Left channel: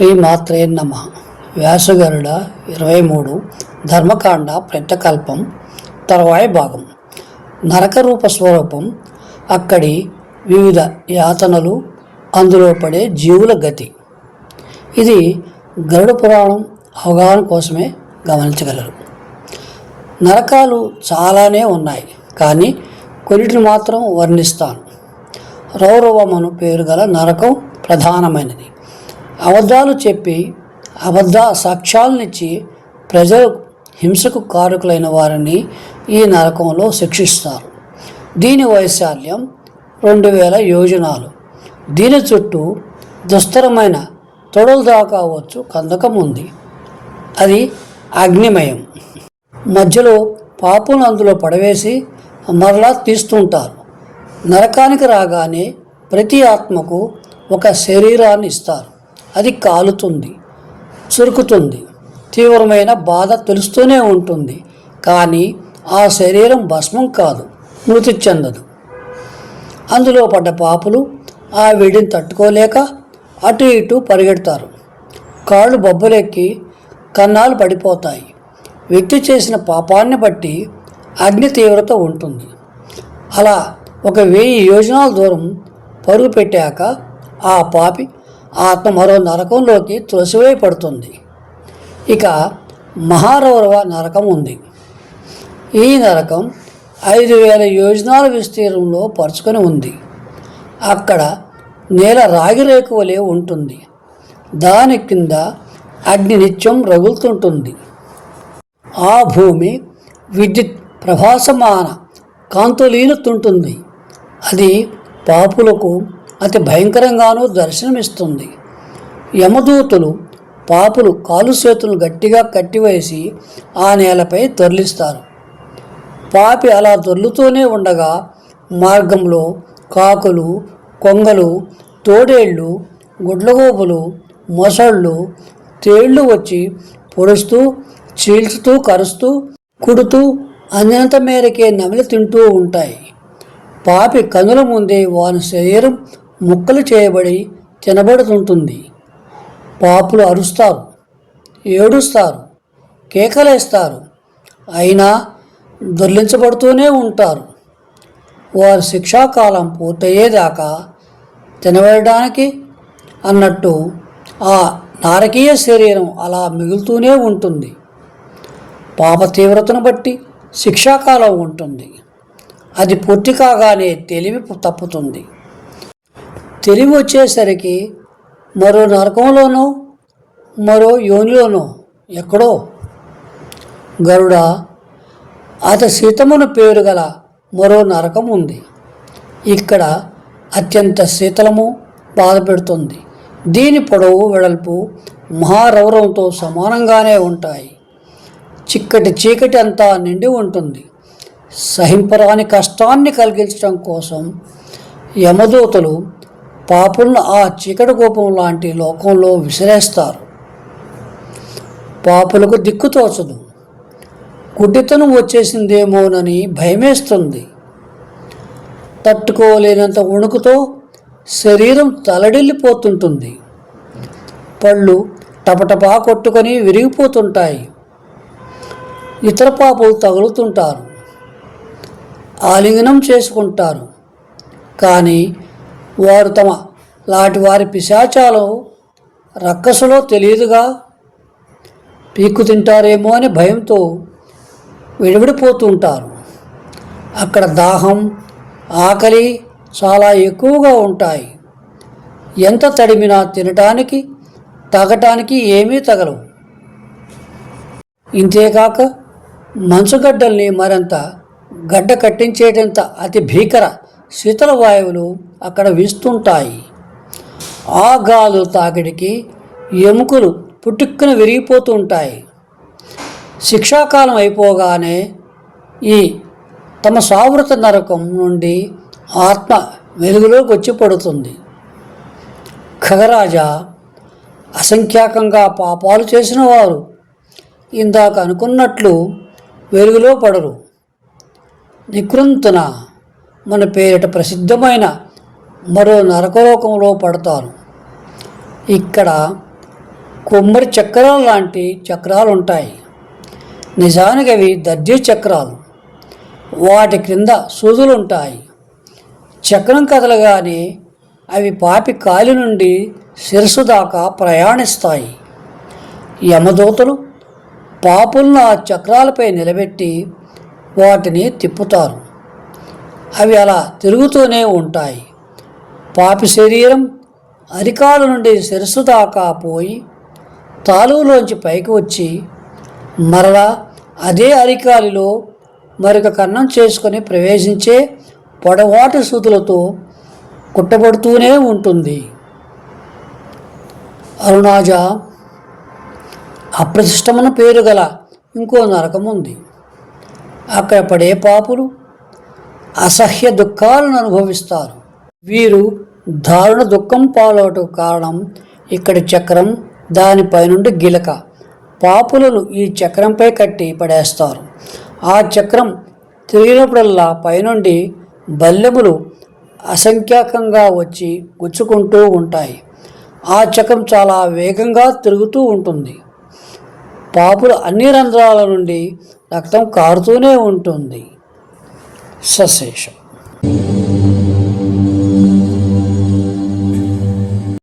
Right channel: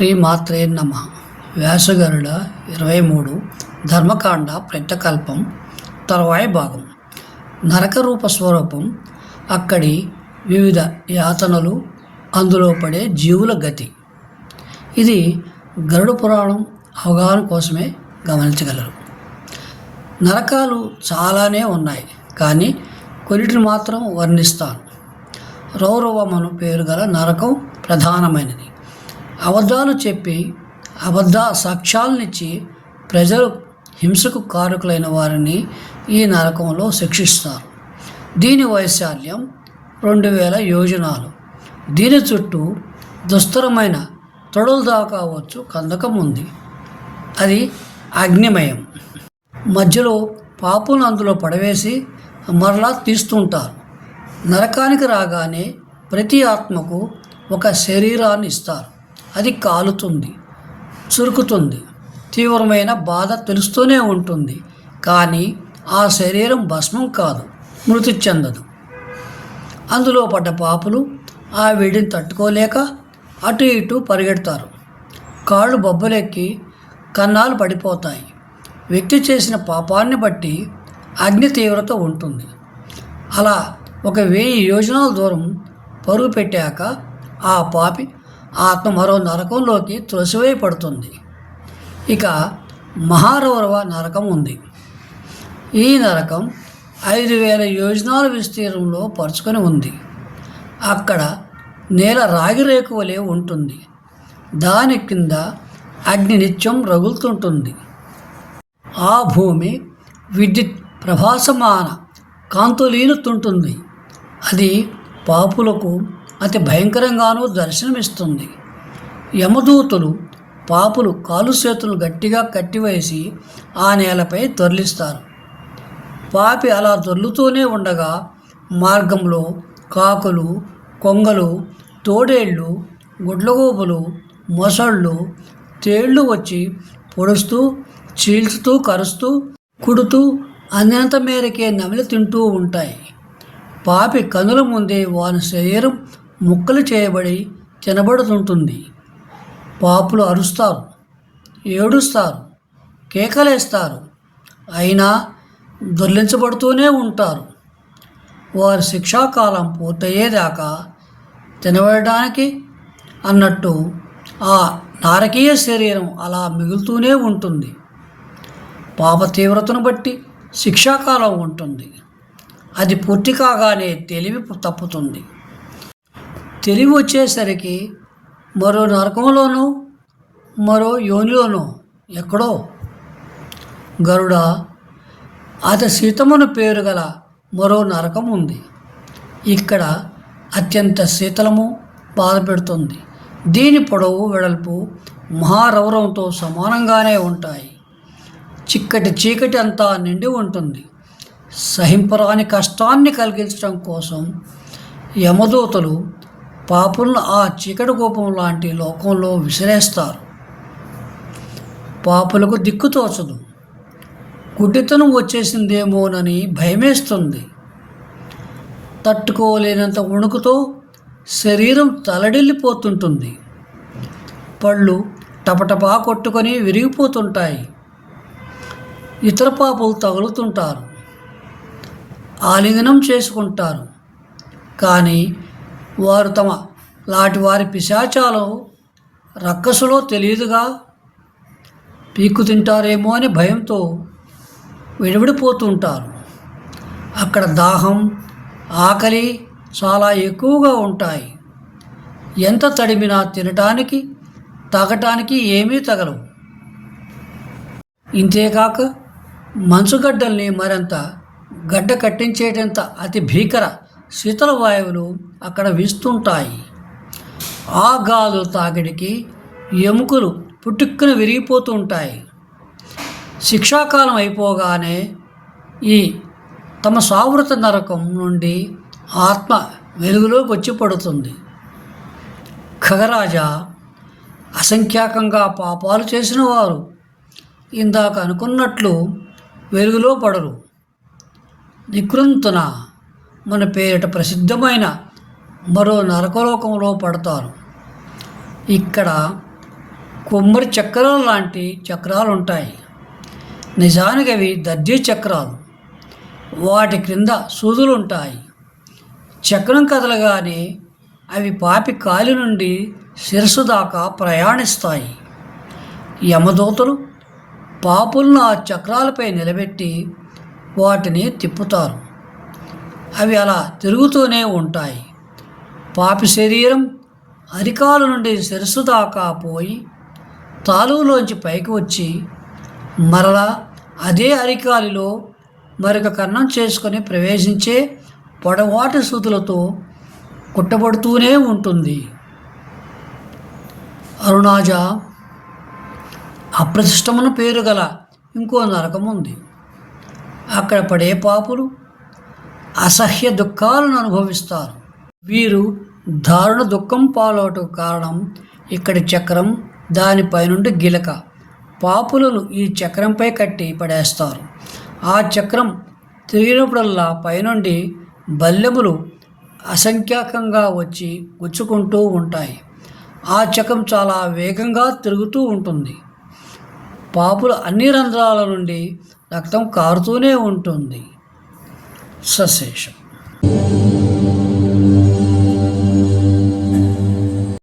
శ్రీమాత్రే నమ. వ్యాసగరుడ ఇరవై మూడు ధర్మకాండ ప్రత్యకల్పం తర్వాయి భాగం. నరకరూప స్వరూపం అక్కడి వివిధ యాతనలు అందులో పడే జీవుల గతి. ఇది గరుడ పురాణం అవగాహన కోసమే గమనించగలరు. నరకాలు చాలానే ఉన్నాయి కానీ కొన్నిటిని మాత్రం వర్ణిస్తాను. రౌరవమను పేరు గల నరకం ప్రధానమైనది. అబద్ధాలు చెప్పి అబద్ధ సాక్ష్యాలనిచ్చి ప్రజలు హింసకు కారకులైన వారిని ఈ నరకంలో శిక్షిస్తారు. దీని వైశాల్యం రెండు వేల యోజనాలు. దీని చుట్టూ దుస్తరమైన తొడలు దాకావచ్చు కందకం ఉంది అది అగ్నిమయం మధ్యలో పాపును అందులో పడవేసి మరలా తీస్తుంటారు. నరకానికి రాగానే ప్రతి ఆత్మకు ఒక శరీరాన్ని ఇస్తారు. అది కాలుతుంది చురుకుతుంది. తీవ్రమైన బాధ తెలుస్తూనే ఉంటుంది. కానీ ఆ శరీరం భస్మం కాదు మృతి చెందదు. అందులో పడ్డ పాపులు ఆ వేడిని తట్టుకోలేక అటు ఇటు పరిగెడతారు. కాళ్ళు బొబ్బలెక్కి కన్నాలు పడిపోతాయి. వ్యక్తి చేసిన పాపాన్ని బట్టి అగ్ని తీవ్రత ఉంటుంది. అలా ఒక వెయ్యి యోజనాల దూరం పరుగు పెట్టాక ఆ పాపి ఆత్మ మరో నరకంలోకి త్రొసివై పడుతుంది ఇక మహారౌరవ నరకం ఉంది. ఈ నరకం ఐదు వేల యోజనాల విస్తీర్ణంలో పరుచుకొని ఉంది. అక్కడ నేల రాగిరేకు వలె ఉంటుంది. దాని కింద అగ్ని నిత్యం రగులుతుంటుంది. ఆ భూమి విద్యుత్ ప్రభాసమాన కాంతులీనుతుంటుంది. అది పాపులకు అతి భయంకరంగానూ దర్శనమిస్తుంది. యమదూతులు పాపులు కాలు చేతులు గట్టిగా కట్టివేసి ఆ నేలపై తొరలిస్తారు. పాపి అలా దొర్లుతూనే ఉండగా మార్గంలో కాకులు కొంగలు తోడేళ్ళు గుడ్లగోపులు మొసళ్ళు తేళ్ళు వచ్చి పొడుస్తూ చీల్చుతూ కరుస్తూ కుడుతూ అనంత మేరకే నమిలి తింటూ ఉంటాయి. పాపి కనుల ముందే వాని శరీరం ముక్కలు చేయబడి తినబడుతుంటుంది. పాపులు అరుస్తారు ఏడుస్తారు కేకలేస్తారు. అయినా దొర్లించబడుతూనే ఉంటారు. వారి శిక్షాకాలం పూర్తయ్యేదాకా తినబడడానికి అన్నట్టు ఆ నారకీయ శరీరం అలా మిగులుతూనే ఉంటుంది. పాప తీవ్రతను బట్టి శిక్షాకాలం ఉంటుంది. అది పూర్తి కాగానే తెలివి తప్పుతుంది. తెలివి వచ్చేసరికి మరో నరకంలోనో మరో యోనిలోనో ఎక్కడో. గరుడ అత శీతమును పేరు గల మరో నరకం ఉంది. ఇక్కడ అత్యంత శీతలము బాధ పెడుతుంది దీని పొడవు వెడల్పు మహారౌరంతో సమానంగానే ఉంటాయి. చిక్కటి చీకటి అంతా నిండి ఉంటుంది. సహింపరాని కష్టాన్ని కలిగించడం కోసం యమదూతలు పాపులను ఆ చీకటి కోపం లాంటి లోకంలో విసిరేస్తారు. పాపులకు దిక్కు తోచదు. గుడ్డితనం వచ్చేసిందేమోనని భయమేస్తుంది. తట్టుకోలేనంత వణుకుతో శరీరం తలడిల్లిపోతుంటుంది. పళ్ళు టపటపా కొట్టుకొని విరిగిపోతుంటాయి. ఇతర పాపులు తగులుతుంటారు. ఆలింగనం చేసుకుంటారు. కానీ వారు తమ లాంటి వారి పిశాచాలు రక్కసులో తెలియదుగా. పీక్కు తింటారేమో అని భయంతో విడివిడిపోతుంటారు అక్కడ దాహం ఆకలి చాలా ఎక్కువగా ఉంటాయి. ఎంత తడిమినా తినటానికి తాగటానికి ఏమీ తగలవు. ఇంతేకాక మంచుగడ్డల్ని మరింత గడ్డ కట్టించేటంత అతి భీకర శీతల వాయువులు అక్కడ వీస్తుంటాయి. ఆ గాలు తాకిడికి ఎముకలు పుట్టుక్కున విరిగిపోతూ ఉంటాయి. శిక్షాకాలం అయిపోగానే ఈ తమ సావృత నరకం నుండి ఆత్మ వెలుగులోకి వచ్చి పడుతుంది ఖగరాజా అసంఖ్యాకంగా పాపాలు చేసిన వారు ఇందాక అనుకున్నట్లు వెలుగులో పడరు. నికృంతున మన పేరిట ప్రసిద్ధమైన మరో నరకలోకంలో పడతారు. ఇక్కడ కొమ్మరి చక్రాలు లాంటి చక్రాలు ఉంటాయి నిజానికి అవి దర్జీ చక్రాలు. వాటి క్రింద సూదులు ఉంటాయి చక్రం కదలగానే అవి పాపి కాలి నుండి శిరస్సు దాకా ప్రయాణిస్తాయి. యమదూతలు పాపులను ఆ చక్రాలపై నిలబెట్టి వాటిని తిప్పుతారు. అవి అలా తిరుగుతూనే ఉంటాయి. పాపి శరీరం అరికాల నుండి శిరస్సు దాకా పోయి తాలులోంచి పైకి వచ్చి మరలా అదే అరికాలిలో మరొక కన్నం చేసుకొని ప్రవేశించే పొడవాటి సూతులతో కుట్టబడుతూనే ఉంటుంది. అరుణాజ అప్రతిష్టమన పేరు గల ఇంకో నరకం ఉంది అక్కడ పడే పాపులు అసహ్య దుఃఖాలను అనుభవిస్తారు. వీరు దారుణ దుఃఖం పాలవటం కారణం ఇక్కడి చక్రం దానిపై నుండి గిలక. పాపులను ఈ చక్రంపై కట్టి పడేస్తారు. ఆ చక్రం తిరిగినప్పుడల్లా పైనుండి బల్లెములు అసంఖ్యాకంగా వచ్చి గుచ్చుకుంటూ ఉంటాయి. ఆ చక్రం చాలా వేగంగా తిరుగుతూ ఉంటుంది. పాపుల అన్ని రంధ్రాల నుండి రక్తం కారుతూనే ఉంటుంది. cessation.